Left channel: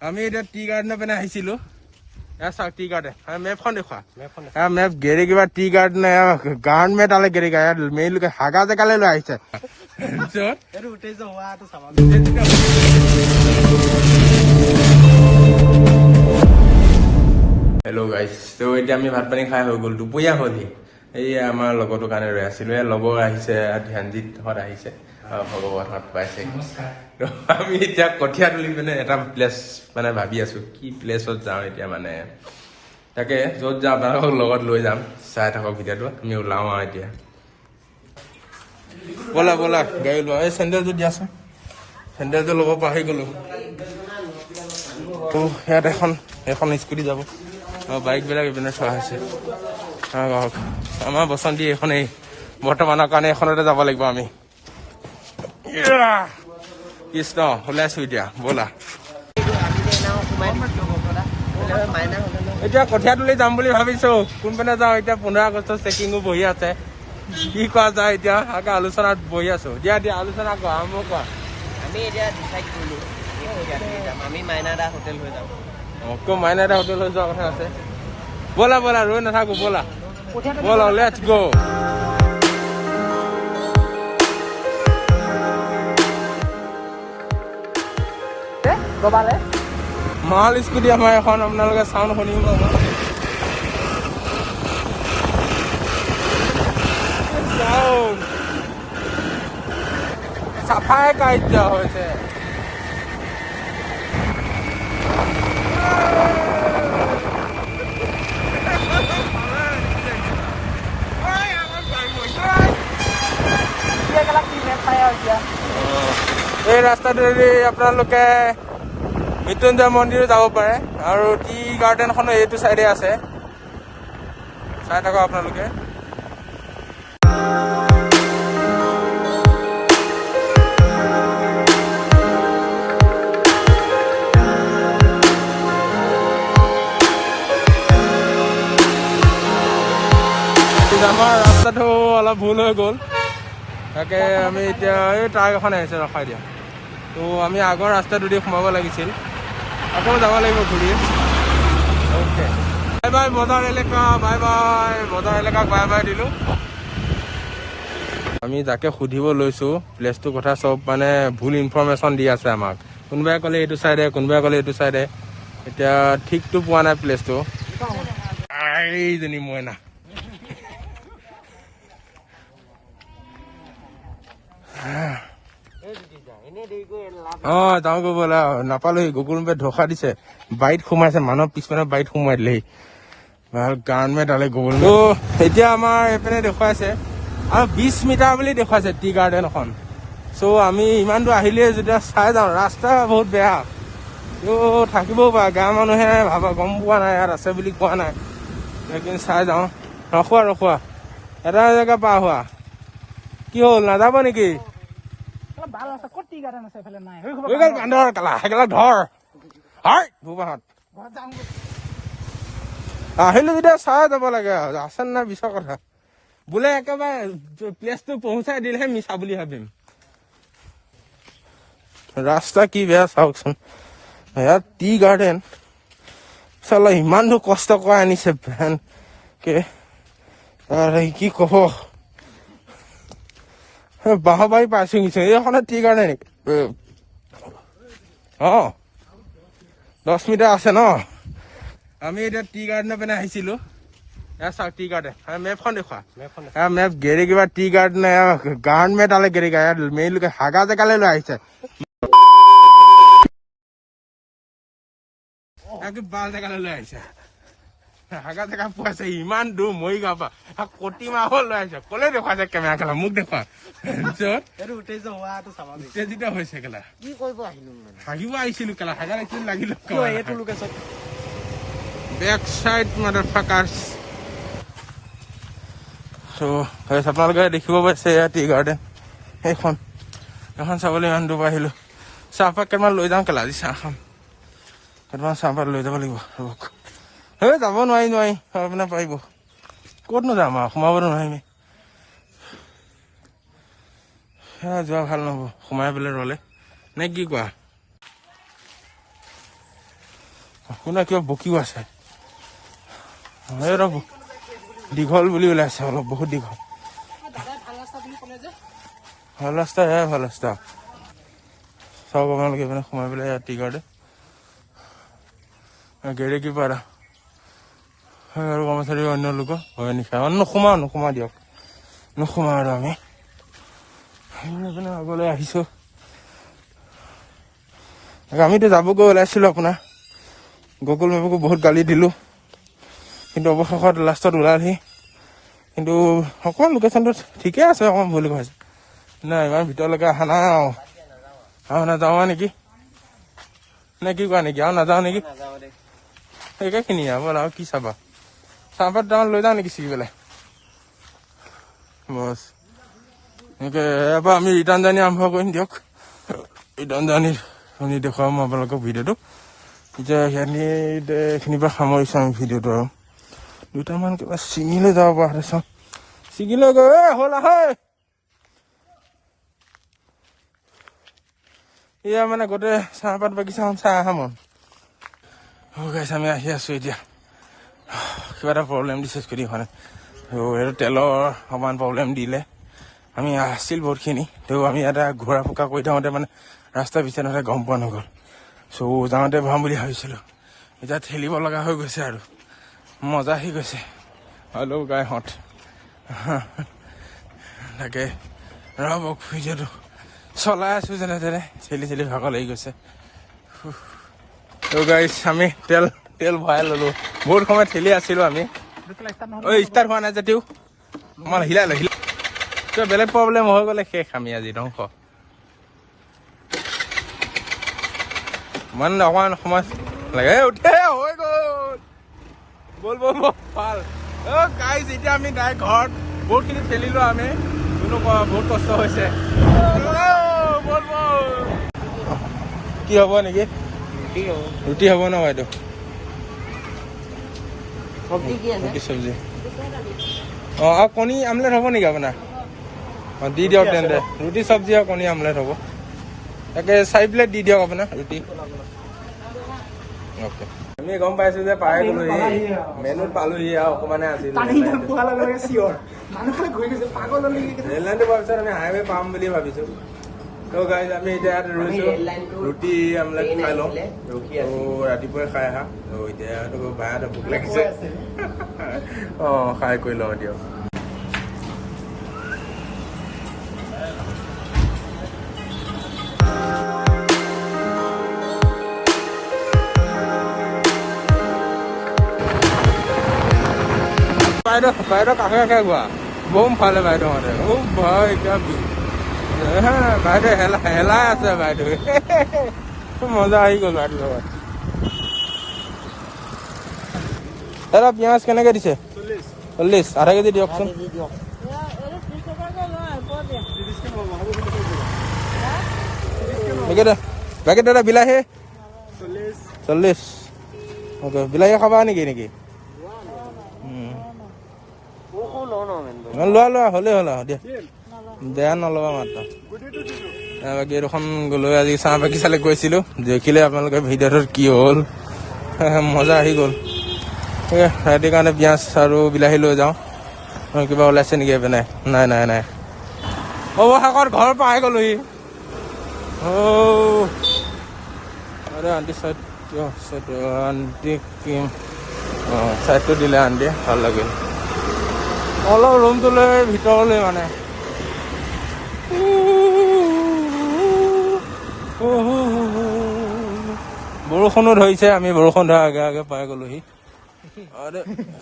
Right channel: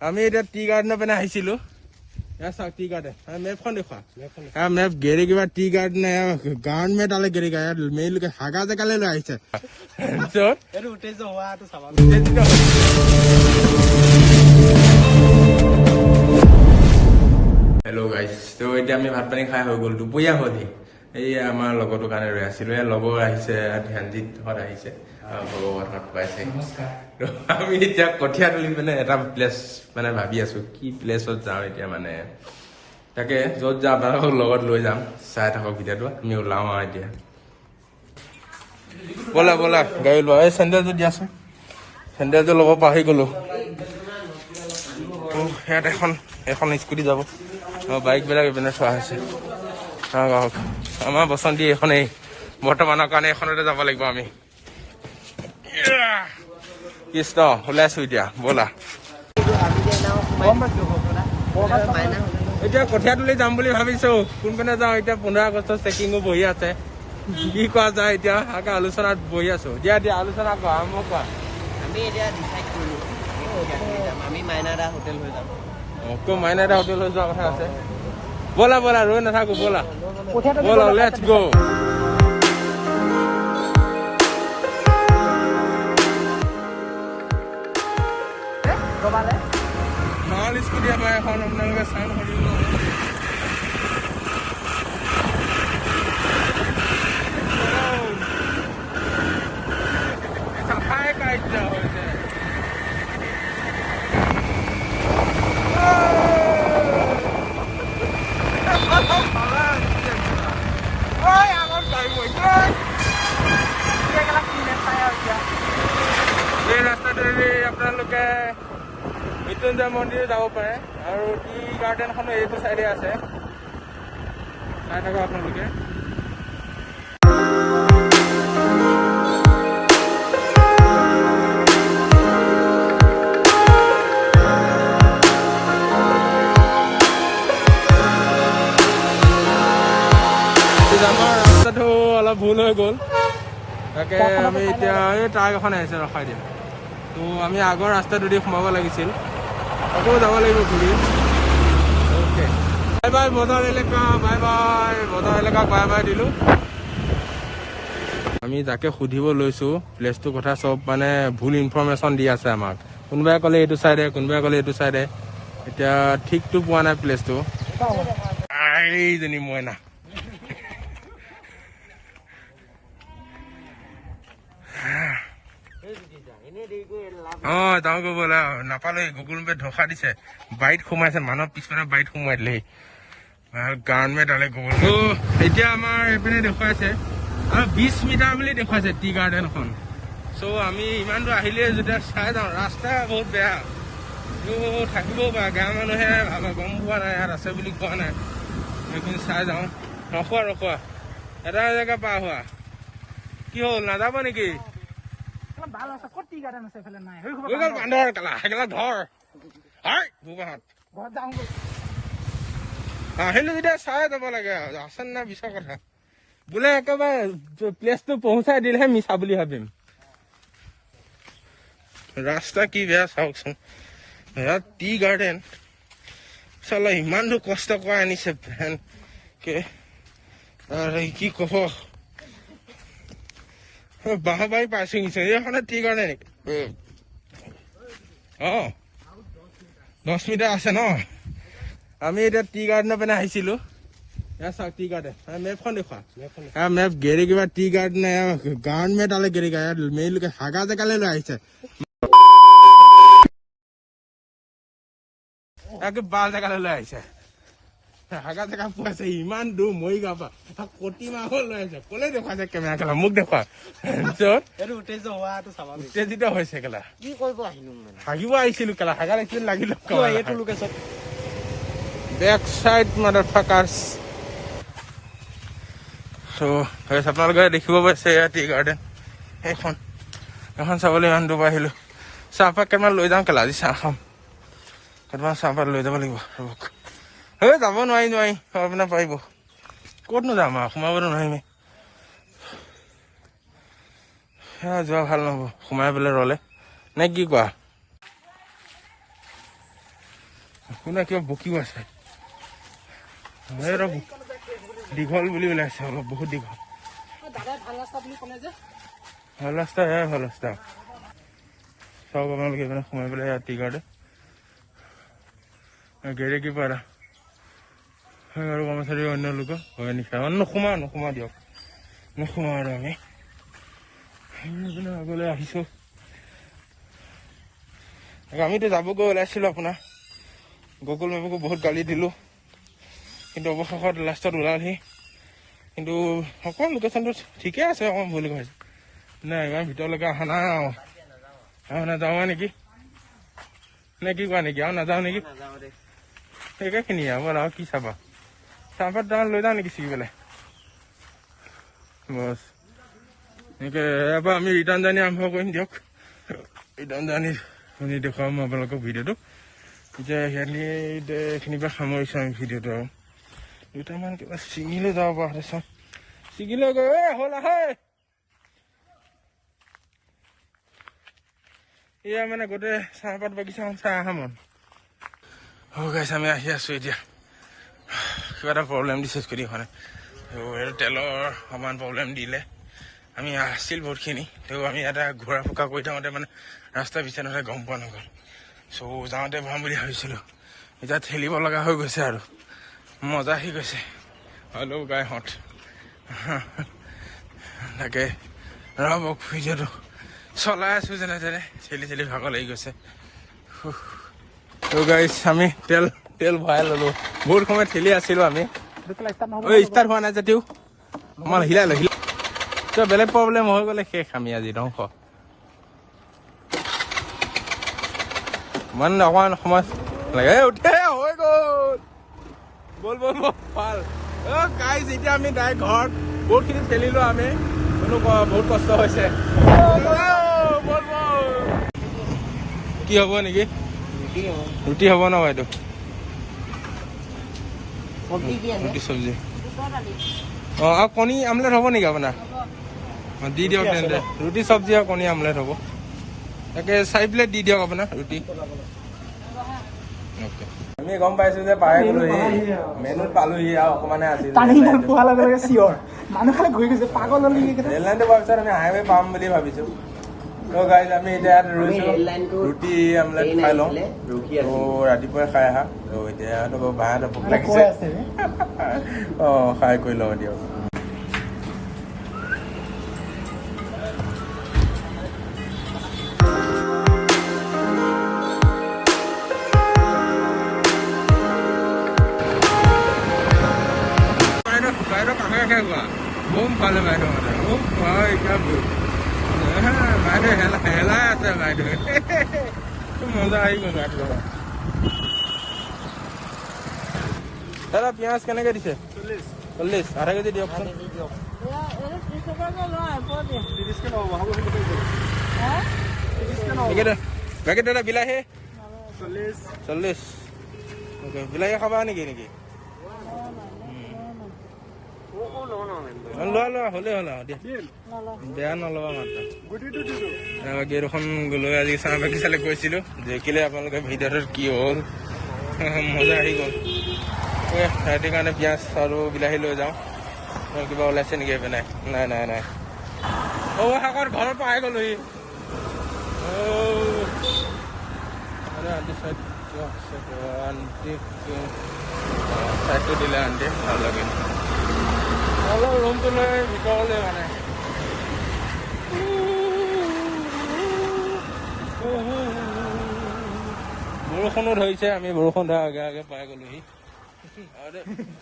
আমি এতিয়া টি গাৰ্ডেনৰ পিনে আহিছিলো। এয়া চাওক টি গাৰ্ডেন মেপখন দেখুৱা। মেপ গেৰি কিবা টি গাৰ্ডেন গাৰ্ডমেণ্ট আলে গেৰি গা মেইন লোকে হাগা জেগালৈ লৈ আহিছে। হেল্ল' গাইজ, তো এতিয়া আমি ভাত পানী খাই হৈ গ'ল, দুপৰীয়া হ'লহি। এই আমাৰ লগৰটোৰ কাৰণে ৰৈ আছিলো। এই লগৰ আহিছে, ধ্যানজিতহঁত আহিছে, ভগৱানহঁত পাইছে। আমি এতিয়া কঠীয়া তুলি পিনে এটা প্লেচ মানে ভাবি আছো, কি প্লেচত যাওঁ এতিয়া। মানে তাকে য'ত যাওঁ আপোনালোকক লগত লৈ যাম, চাই থাকক ভিডিঅ'টো। আমি ওলাওঁ আৰু এতিয়া। ব'লা ব'লা গাড়ী লোৱা। এই চেণ্ডেলটো দিয়াচোন, চেণ্ডেলটো ল'ব পাহৰি গ'লো। ইয়াত এখন স্কুটি যাব আৰু বাইকবিলাক এইপিনে চোৱা হৈছে। আমাৰ বসন্তী এইখনেই বৰ্তমানৰ কাৰণে, এইখনতে যাব লাগিব আমি। কৃষ্ণ ওলাইছো এতিয়া, ব'লা। এতিয়া কঠীয়া তুলি যাম বুলি ভাবিছো, কোনপিনে যাওঁ এতিয়া। 15 আগষ্ট চেকিঙো বহি আছে, কি কোৱা যায় এতিয়া। আকৌ আলোচনাত বহি আছো। দিয়া আলোচনা কৰা, আৰম্ভ কৰা। আমি এতিয়া ডিচাইড কৰিলো আমি মাইনাদা হোটেল হৈ যাম। মাইনাদা হোটেল হৈ যোৱা কথা আছে। ব'লা ব'লা, ৰৈ নাথাকো, ব'লা ব'লা, লেটছ গো। মাল স্কুটি আমাৰ এখন, আপোনালোকে চাউণ্ড শুনিব পাব। চাফাই কাৰ্য হৈছে। এই ৰাস্তাটোৱেদি আপোনালোকে মৃত্যুঞ্জয় মন্দিৰো যাব পাৰে, আৰু টি গাৰ্ডেনখনো এইটো চাইডে আছে, চাই থাকক আপোনালোকে। আমাৰ ৰাস্তাটো অলপ ভুল হৈ গ'ল, তাকে আমি এতিয়া এই ট্ৰাক এখন আহিছে, ৰখাই দিয়া। তো আমি আগৰ ৰাস্তাটো দি সোমাব লাগিছিল, আকৌ যাব লাগিব ঘূৰি। অ'কে, বাই বাই বজাৰ এলেকা, বাই বাই বজাৰ এলেকাক বাই বাই দিলোঁ। আমি যাকে সুধিব লৈছোঁ প্লেচটোৰ কথা, চব মানে ভুল ইনফৰমেশ্যন দি আছে আমাক। কোনোবাই ক'লে এইটো চাইডে, কোনোবাই ক'লে এইটো চাইডে। এতিয়া ঠিকটো পোৱা নাই প্লেচটো। এইজনী মইনা যাওঁ গৈ ব'লা। নাপালোহি, গুগল মেপে ধোকা দিছে, বাৰীত সোমাইছে, মানুহৰ পিছপিনে বাৰীত সোমাই দিলেহি। গাৰ্ডমেণ্ট আলে গুগল। তো এতিয়া আমাৰ এইপিনে দেখুৱাইছে আৰু 20 মিটাৰ বুলি দেখুৱাইছে টি গাৰ্ডেনখন। চ' আমি ইমান দূৰ আহিলোৱে যেতিয়া চাই যাওঁ। ৰাস্তা বহুত বেয়া, তো থাকিবও পাৰে, গাঁৱৰ মানুহে গম পোৱা নাই ইয়াত আছে বুলি কোৱা নাই, লেকিন চাই যাওঁ। ৰখোৱা এটা জেগা পাৰ হোৱা। কি হ'ল, নাযাব নেকি? আহিলো যেতিয়া চাই যাব লাগে, আছে নাই মিছা কথা। বোলে একেবাৰে প্লেচটো পহুচাই দিলেহে মিছা বুলি ভাবিম। ৰাস্তা কি বেয়া চাওকচোন। ইয়াত টি গাৰ্ডেন চালা ইমান দূৰ কষ্ট কৰা আনিছে ভেন কি কব। বাহবাৰী পাইছো নিছে, এইখনে টি গাৰ্ডেন। 10 মিটাৰ আছে ন। আমি এতিয়া টি গাৰ্ডেনৰ পিনে আহিছিলো। এয়া চাওক টি গাৰ্ডেন মেপখন দেখুৱা। মেপ গেৰি কিবা টি গাৰ্ডেন গাৰ্ডমেণ্ট আলে গেৰি গা মেইন লোকে হাগা জেগালৈ লৈ আহিছে, বাল জেগালৈ লৈ আহিছে। হাগা জেগা পোৱাইছে ইমান দূৰ মৰিগাঁৱৰ পৰা, কটি মাহল লৈ আহিছে। কলে দেখুৱাইছে কেমেৰা খেলা, মোক দেখুৱা। উত্তেজিত হৈছে কেলা, কি কৰিব আহিলো, হাগিব আহিছিলো কেলা, হাগা লাগিছিল লাগিল। বেক চাইড মাদাৰফাকাৰ্ছ। আপোনালোকে দেখিব পাইছে এয়া টি গাৰ্ডেন। এইখন চাবলৈ ইমান দূৰ আহিলো। চাহপাত কেইটামান লৈ যাওঁ কেলা, আজি চাহ খাম। কেইটামান চাহপাত লৈ যাব লাগিব। যাব নোৱাৰি পিনে পাৰিব, ক'তনো যাম আৰু, সোমাবতো নোৱাৰিমেই। যোৱা ভাল নহ'ব সোমাই পেলাই ৰলে, নে কি কোৱা? কোনে কিবা বকিও আছে দীঘল বুলি ওলাইছে অলপ বহুত দীঘল ভাল ৰাস্তা ভাল ৰাস্তা চাওক আপোনালোকে মানে সোমাই পেলাই ইয়াত টিকাৰতে গেৰে কি পাৰা আৰু কৰ্মচাৰী অন্য লোকৰ ভয় নিশা নোসোমা দিয়ক নোসোমা আৰু আমি আগলৈ আহিছোঁ আমিতো যাবগৈ ওলাইছিলোঁ আপোনাৰ গুগল মেপকো বহুত গালি দিলোঁ কিন্তু অৱশেষত লাষ্টত ওলালহি কিন্তু অকণমান লোকেশ্যনটো ঠিকে আছে অকণমান বুলি কৈছে নাই ইমান ভিতৰলৈকে অহা নাই আৰু নাযাওঁ নেকি নে কি কোৱা নেকি আৰু নাযাওঁ নেকি একেখিনি ব'ল আৰু কি চাবা চাহপাত দুটামান লৈ যাওঁ নেকি ছিগি পেলাই বছ এনেকৈ ইয়াৰ পৰা আমি ৰিটাৰ্ণ জাৰ্ণি আৰম্ভ কৰিম দিয়ক ৰিটাৰ্ণ জাৰ্ণি শুনি দেখুৱাম মই আপোনালোকক ভিডিঅ'টো এতিয়া এইখিনিৰ পৰা সামৰিছোঁ আমি ভিডিঅ'টো আৰু দুটামান কিবা ছিঙিলৈ যাব পৰা হ'লে চাওঁ ছিঙিলৈ গৈ হ'ল আহে এয়া মানে গোটেই চাহপাত বাগিচাখন চাই অহা মন গাইছ আমি আহি আছোঁ এতিয়া কিবা এটা প্ৰব্লেম দিছে স্কুটিখনে সেইটো তেলৰ অকণমান প্ৰব্লেম দিলে আমি আছিল বহুতখিনি তেও আমি এটা ঘূৰা ফুকা কৰি থাকোঁতে মানে ৰাস্তা বিচাৰোঁতে গম পোৱা নগ'ল চ' যাওঁতে ভৰাম বুলি ভাবিছিলোঁ এতিয়া ঠেলিব লগা হৈ গৈছে আৰু মজা আহি গৈছে হ'লেও গাইহঁত তাকে ৰ'ব ভিডিঅ'টো চলাই আছোঁ যেনে তেনে ঠেলি ভাগৰ লাগি গৈছে ত' গাইছ আমি তেল ভৰাই ল'লোঁ বহুত সময় ঠেলি আছিলোঁ আমি ষ্টাৰ্ট হোৱা নাই যদিও অকণমান হিলাই কিবা বেলেগ প্ৰব্লেম হৈ গ'লে শেষ আমি আজি ধ্বংস মানে অকণমান সময় লাগে উঠে হৈ গ'ল বল ভাল গাইছ এতিয়া আমি ডাইৰেক্ট ঘৰত বহুতখিনি ঠেলিলোঁ আমি বহুত কষ্ট হৈছে কি হ'ব নেকি ৰুটি হ'ব ন বাইদেউ ৰুটি চব্জি আৰু কণী আমলেট হ'ব নেকি আপোনাৰ দি দিয়ক তেন্তে ৰুটি চব্জি আৰু কণী আমলেট হ'ব তাকে 4 প্লেট দি দিয়ক আপোনাৰ ৰুটি অ'কে আমি গম পাইছোঁ যে পাই গ'লোহি মেনুত পালোহি আৰু অকণমানে আজি ৰেল লাইনটো পোৱাৰ পিছত আমি হাইৱে পাম বুলি ভাবিছোঁ ত' গাইজ আমি এতিয়া ইয়াত ৰৈছোঁ ৰুটি আমলেট খাই লওঁ ত' ৰাতিপুৱাই খাই আহা ত' এতিয়া বাহঁতে ভোক লাগিছে খাই কৰি লওঁ দিয়ক বাইদেউ কাষে গোৱা বম ফালে বাইদেউহঁতে ভয় এতিয়া বাইদেউ হেলাই আছে বাইদেউ খুব মজা আহি গ'ল বাইদেউ লগত দাদা পিঁয়াজ কেনেকৈ দিছে 40 আধা কেজি দিয়কচোন পেকেট দাদা বিলাহী 40 অ'কে বিলাহী খাবা নেকি লোৱা হ'লেই হ'ল আৰু দিয়ক বেয়া নল'বা মাত্ৰ গেটখন গ'লৈ আজি চাহ বাগিচালৈ গৈছিলোঁ দেখিলে আপোনালোকে ভিডিঅ'টোত কি হ'ল মজা আহি গ'ল সেইটো কাৰণে পিঁয়াজ আৰু বিলাহী লৈ যাওঁ কিবা ওলাইছে নেকি এইপিনে নাই অৱশেষত ঘৰ পাই গ'লোহি আৰু আণ্টি চাইডটো দিলে আণ্টি ভাল লাগিল অলপ ৰুমটোলৈ ভিতৰলৈ মানে বৰষুণো ধৰিছে আমি বৰষুণ ধৰা আগে পাই গ'লোহি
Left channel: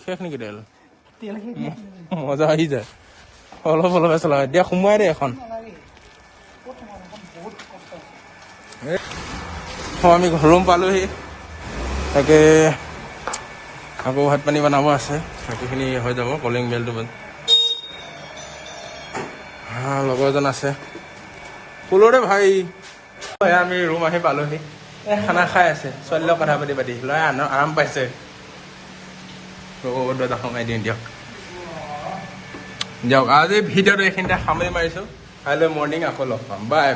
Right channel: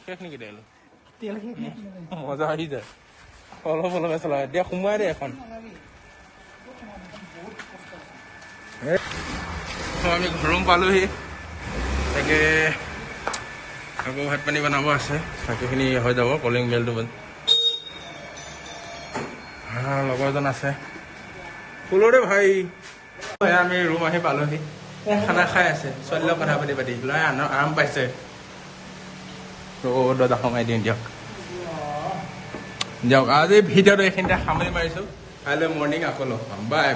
শেষ নেকি তেল মজা আহি যায় অলপ চলা এতিয়া সোমোৱাই দে এখন আমি ৰুম পালোহি তাকে আকৌ ভাত পানী বনাব আছে বাকীখিনি হৈ যাব কলিং বেলটো লগৰজন আছে ফুলৰে ভাই আমি ৰুম আহি পালোহি খানা খাই আছে ছোৱালীৰ লগত কথা পাতি ল'ৰাই আৰাম পাইছে দৰ্জা সোমাই দিম দিয়ক আজি ভিডিঅ'টো এইখিনিতে সামৰি মাৰিছোঁ কাইলৈ মৰ্ণিং আকৌ লগ পাম বাই